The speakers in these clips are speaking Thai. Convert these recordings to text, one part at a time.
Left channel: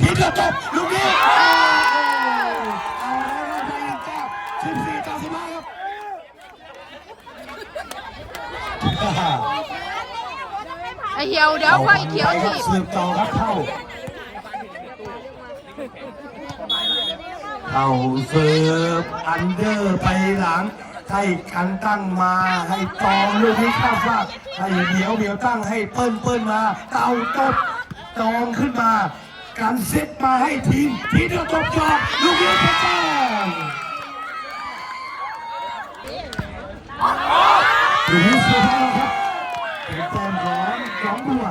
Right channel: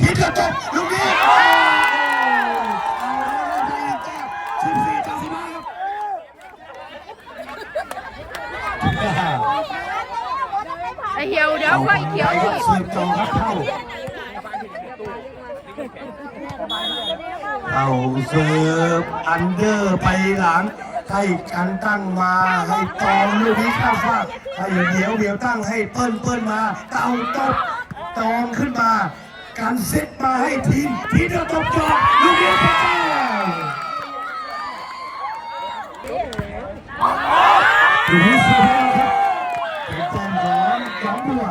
ทีเดียวจบลูกนี้เอาแล้วไปอีกแก้วสิบสี่ต่อสิบห้าครับไอเหี่ยวเดี๋ยวค่อยเขียวทีบเสียบต่อครับเข้าเอาเสิร์ฟอันเดอร์ไปหลัง ให้กันตั้งมาให้ตองลูกนี้ข้ามฟากให้เหนียวเหนียวตั้งให้เปิ้ลเปิ้ลมาเต่าตบตองขึ้นมา การเซตมาให้ทีม ทีเดียวจบจบลูกนี้เป็นแต้มลูกนี้สุดท้ายครับเป็นแต้มของสองบัว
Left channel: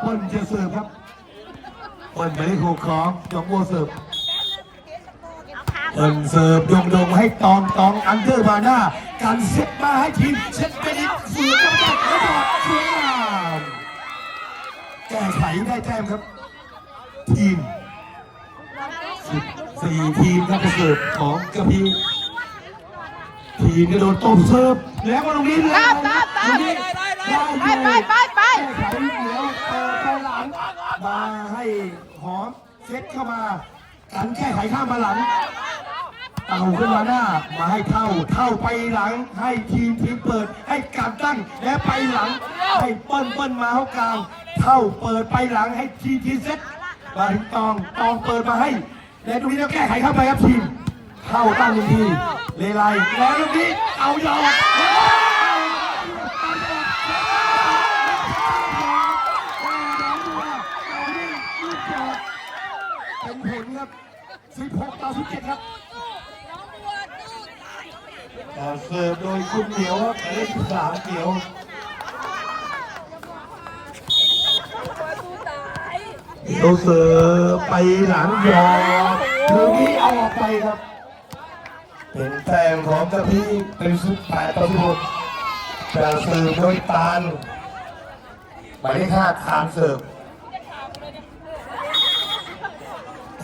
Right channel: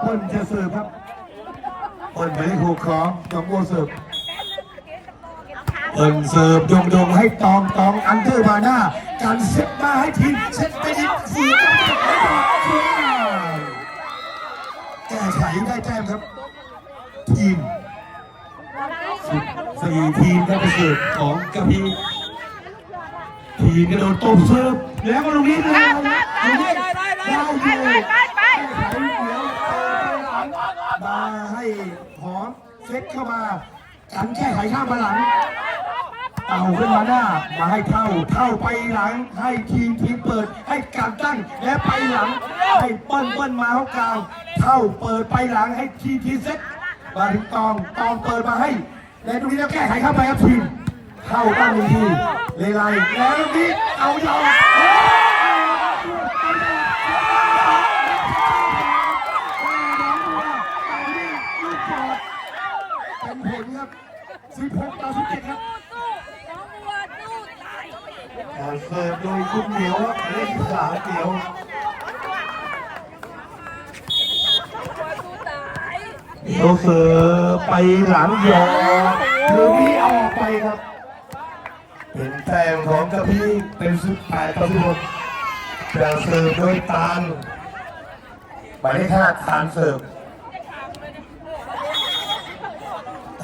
เปิ้ลจะเสิร์ฟครับเปิ้ลไม่ได้ถูกของสองบัวเสิร์ฟเอินเสิร์ฟยงยงให้ตองตองอันเดอร์มาหน้าการเซตมาให้ทีมเซตไปนิดฝืนต้องจัดแล้วก็สวยงามแก้ไขได้แต้มครับ ทีมสิบสี่ทีมได้ไปเสร์ฟของกระพีทีมกระโดดตบเสิร์ฟแล้วก็ลงนี้แล้วลงนี้ได้อยู่แก้ไขเดี๋ยวเปิดไปหลังมาให้หอมเซ็ตเข้ามากันแก้ไขข้ามมาหลังเต่าขึ้นมาหน้ามาให้เท่าเท่าไปหลัง ให้ทีมทีมเปิดให้การตั้งและไปหลัง ให้เปิ้ลเปิ้ลมาเข้ากลางเท่าเปิดไปหลังให้ทีทีเซ็ต มาถึงตองตองเปิดมาให้และตรงนี้เราแก้ไขเข้าไปครับทีม เข้าตั้งลงทีเลไลแล้วตรงนี้เอายอดแล้วเป็นผลครับ 16 ต่อ 17 ครับแต่เสิร์ฟโดยคุณเหมียวครับเลขสามเหมียว เหมียวเสิร์ฟไปหลังยอดลูกนี้ออกไปครับเป็นแต้มของกระพีเป็นสุดแปดต่อสิบหกแต่เสิร์ฟโดยตาลหมายเลขห้าตาลเสิร์ฟ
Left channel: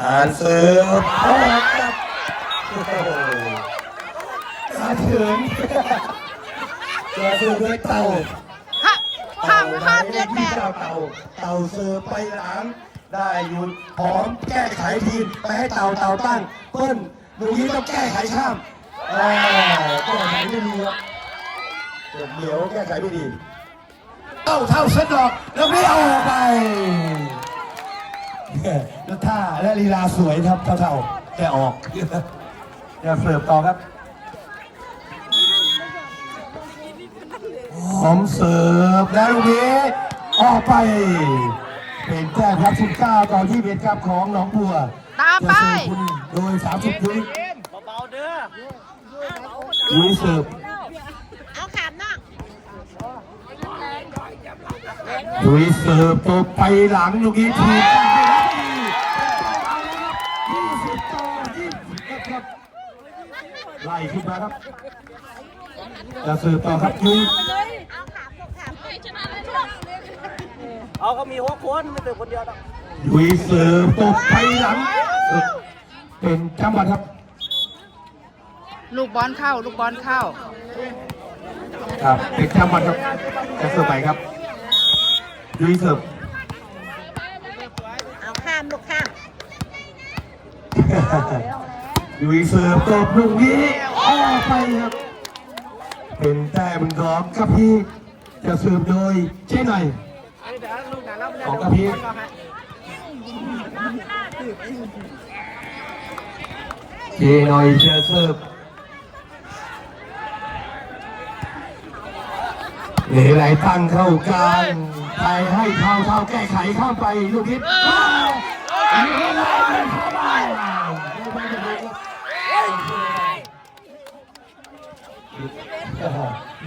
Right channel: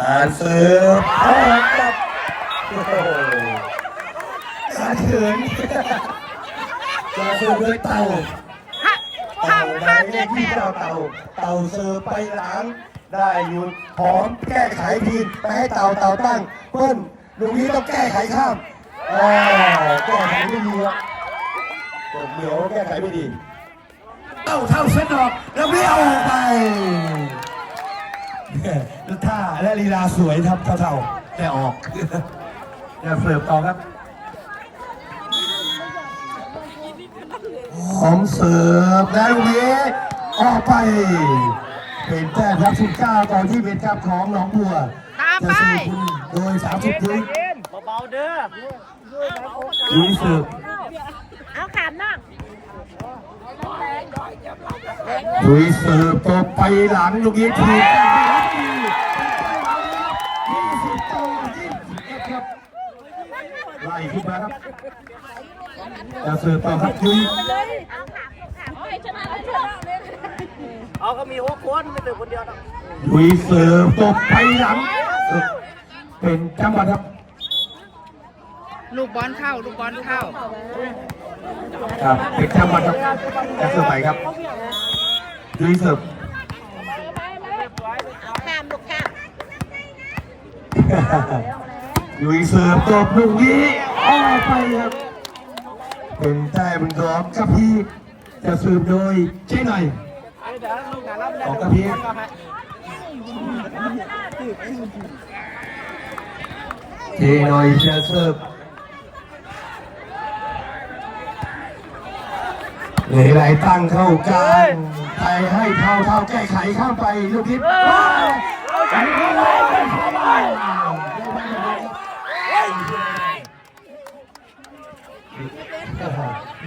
ตาลเสิร์ฟออกครับโอ้โหขาเขินจะเสิร์ฟด้วยเต่าฮะเต่าห้ามหมาห้ายมเลเด็ขดที่แดเจ้าเต่าเต่าเสิร์ฟไปหลัง ได้หยุดพร้อมแก้ไขทีมไปให้เต่าเต่าตั้งเปิ้ลลูกนี้ต้องแก้ไขข้ามแก้ไขไม่ดีครับเดี๋ยวแก้ไขไม่ดีเต่าเท่าเส้นดอกแล้วไม่เอาไปแล้วท่าและลีลาสวยครับเท่าเท่าแต่ออกเดี๋ยวเสิร์ฟต่อครับหอมเสิร์ฟแล้วลูกนี้ออกไป เป็นแต้มครับ19ต่อที่เบ็ดครับของหนองบัวตามไปจะเสิร์ฟคุณโดย 30วิลุยเสิร์ฟเอาขามน้องลุยเสิร์ฟตบไปหลังลูกนี้ถูกกันไปครับ20ต่อ20ครับไล่ขึ้นมาครับจะเสิร์ฟต่อครับยุ้ย เอาเขามีหกคนไม่เป็นคนเดียวหรอกลุยเสิร์ฟตบไปหลัง เป็นจังหวะครับ ลูกบอลเข้า ลูกบอลเข้า ครับเป็นจังหวะครับจะเสิร์ฟไปครับลุยเสิร์ฟข้ามลูกข้ามลุยเสิร์ฟตบลูกนี้ออกไปครับเป็นแต้มของกระพีจะเสิร์ฟโดยเจ๊หน่อย ของกระพีเจ๊หน่อยจะเสิร์ฟเหลยไหลตั้งเข้ากลางไปให้เท่าเท่าแก้ไขข้ามไปลูกนี้ว้าวอันนี้เลยว้าว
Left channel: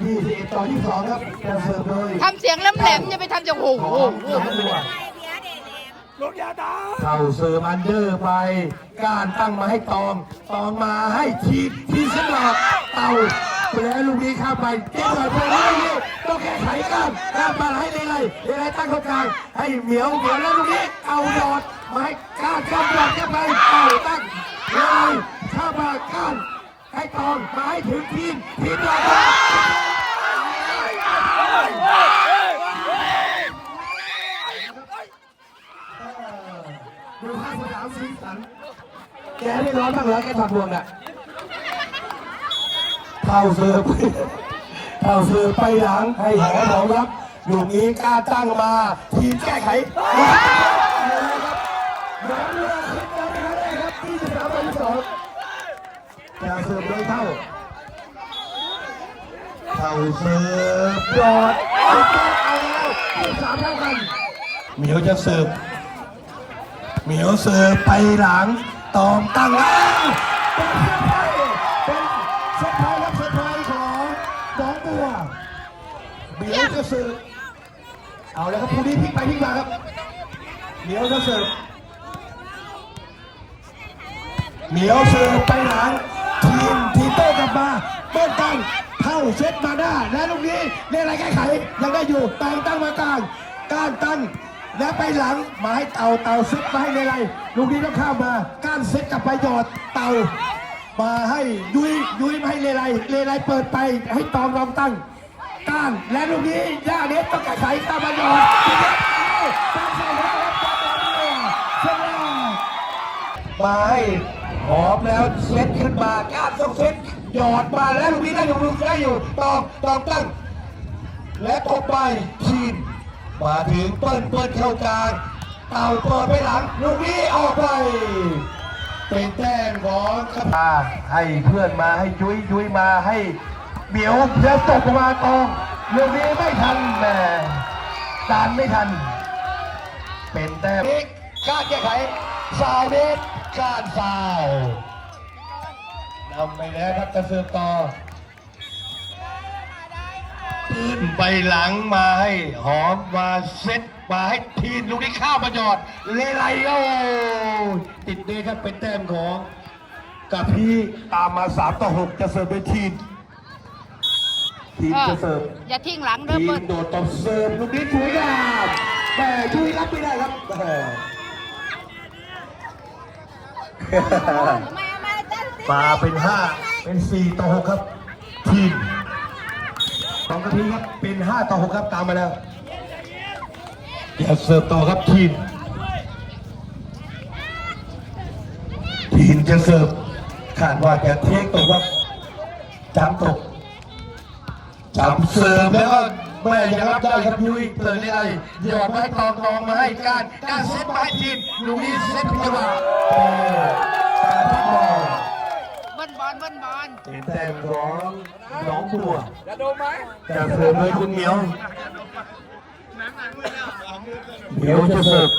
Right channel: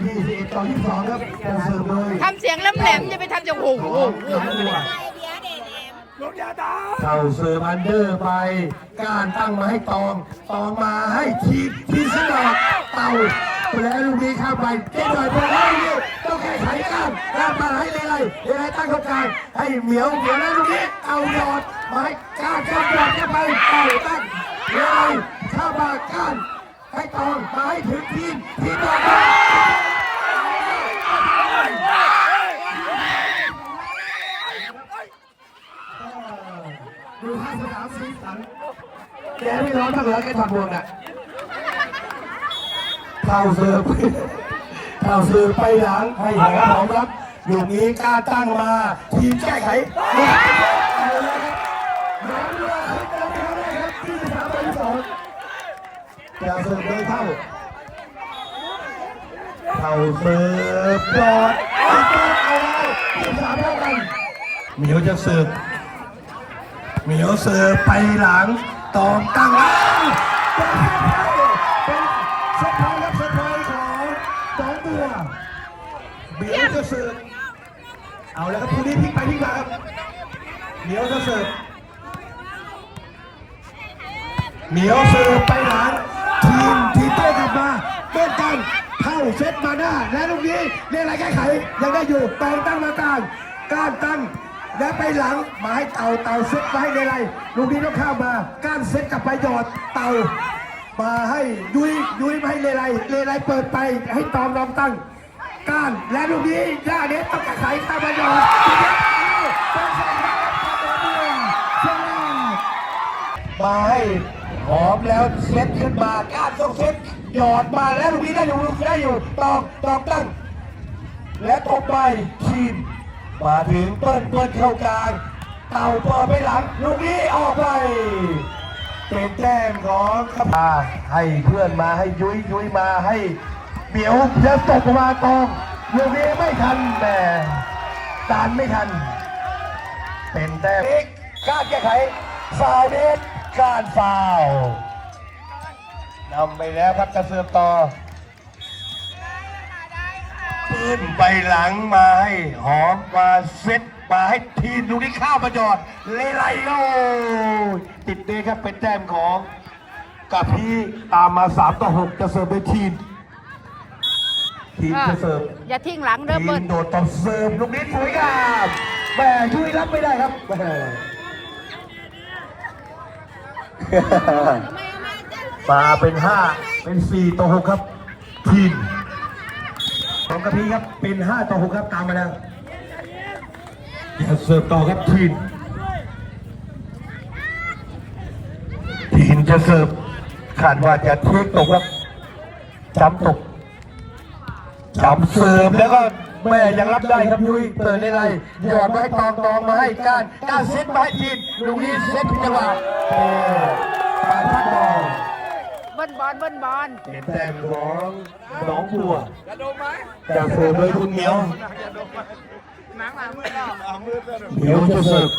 ยี่สิบเอ็ดต่อยี่สิบสองครับจะเสิร์ฟเลย ทำเสียง แหลมๆอย่าไปทำจากโอ้โหโอ้โหเข้าเสิร์ฟอันเดอร์ไป การตั้งมาให้ตอง ตองมาให้ทีมทีมสนอกเต่าแล้วลูกนี้เข้าไปเจ๊หน่อยพอแล้วลูกนี้ต้องแก้ไขกันการมาให้เลไลเลไลตั้งเข้ากลางให้เหมียวเหมียวแล้วลูกนี้เอายอดมาให้การจอมยอดเข้าไปเต่าตั้งเลไลเข้ามาการให้ตองมาให้ถึงทีมทีมยอดม ดูท่าสนามสีสันแกไม่ร้อนบ้างเหรอแกทำบวงอะเท่าเสือไปเท่าเสือไปหลังให้แหงของรับลูกนี้กล้าตั้งมาทีมแก้ไขลูกนี้เอาแล้วครับหลังเวลาขึ้นมาไม่ได้ครับที่สามต่อสองจะเสือไม่เท่าเท่าเสือปอดอาไปที่สามเท่ากันเหมียวจะสิร์ฟ เหมียวเสือไปหลังตองตั้งแล้วเป็นเซอร์ไพรส์เป็นเซอร์ไพรส์และเซอร์ไพรส์ของสองตัวเหมียวเสือเอาแล้วครับคู่นี้พลิกไปพลิกมาเหมียวเสือเหมียวเสือไปหลังทีมทีโต้กลับมาเต้นกันเข้าเซตมาหน้าและลูกนี้เรียกอะไรแก้ไขยังได้อยู่ตองตั้งมากลางการตั้ง แล้วไปหลังหมายเต่าเต่าเซ็ตมาให้เลไรลูกนี้ต้องข้ามมาก้านเซ็ตกลับไปหยอดเต่า มาให้ยุ้ยยุ้ยมาให้เลไรเลไรเปิดไปให้ตอมลองตั้งก้านและลูกนี้ย่าเน็ตต้องแก้ไขตามมาหยอดมาให้หอมแล้วเซ็ตขึ้นมาก้านต้องเซ็ตหยอดมาแล้วลูกนี้ได้อยู่ลูกได้อยู่ตองตองตั้งและตกไปทีม มาถึงเปิ้ลเปิ้ลเข้ากลางเต่าต่อไปหลังลูกนี้ออกไปเป็นแต้มของขมาให้เพื่อนมาให้ยุ้ยยุ้ยมาให้เหมียวแล้วตกมาตองลูกนี้ไม่ทันแหม่ตามไม่ทัน เป็นแต้มอีกการแก้ไขสายเด็กการฟาวนำไปแล้วครับจะเสิร์ฟต่อ ปืนไปหลังมาให้หอมมาเซ็ตมาให้ทีมลูกนี้ข้ามมาจอดเลไลโอติดด้วยครับเป็นแต้มของกับพี่ตามมา3ต่อ6จะเสิร์ฟไปทีมทีมเออจะเสิร์ฟอย่าทิ้งหลังเด้อทีเปิ้มลโดดต่อเสิร์ฟลูกนี้สวยงามแม่ยุ้ยรับไม่ได้ครับแม่มาเป็น5เป็น4ต่อ6ครับ ทีม ของกระพีครับเป็น5ต่อ6ครับตามมาแล้วอย่าเสิร์ฟต่อครับทีมทีมจะเสิร์ฟขาดว่าเทคตกครับจำตกจำเสิร์ฟแล้วก็แม่ยังรับได้ครับยุ้ยเปิดได้ไรหยอดมาให้ตองตองมาให้การการเซตมาให้ทีมลูกนี้เซตผิดจังหวะการพัด บอลเบิ้ลบอลเบิ้ลบอลเป็นแต้มของหนองบัวจะเสิร์ฟเลยคุณเหมียวเหมียวจะเสิร์ฟ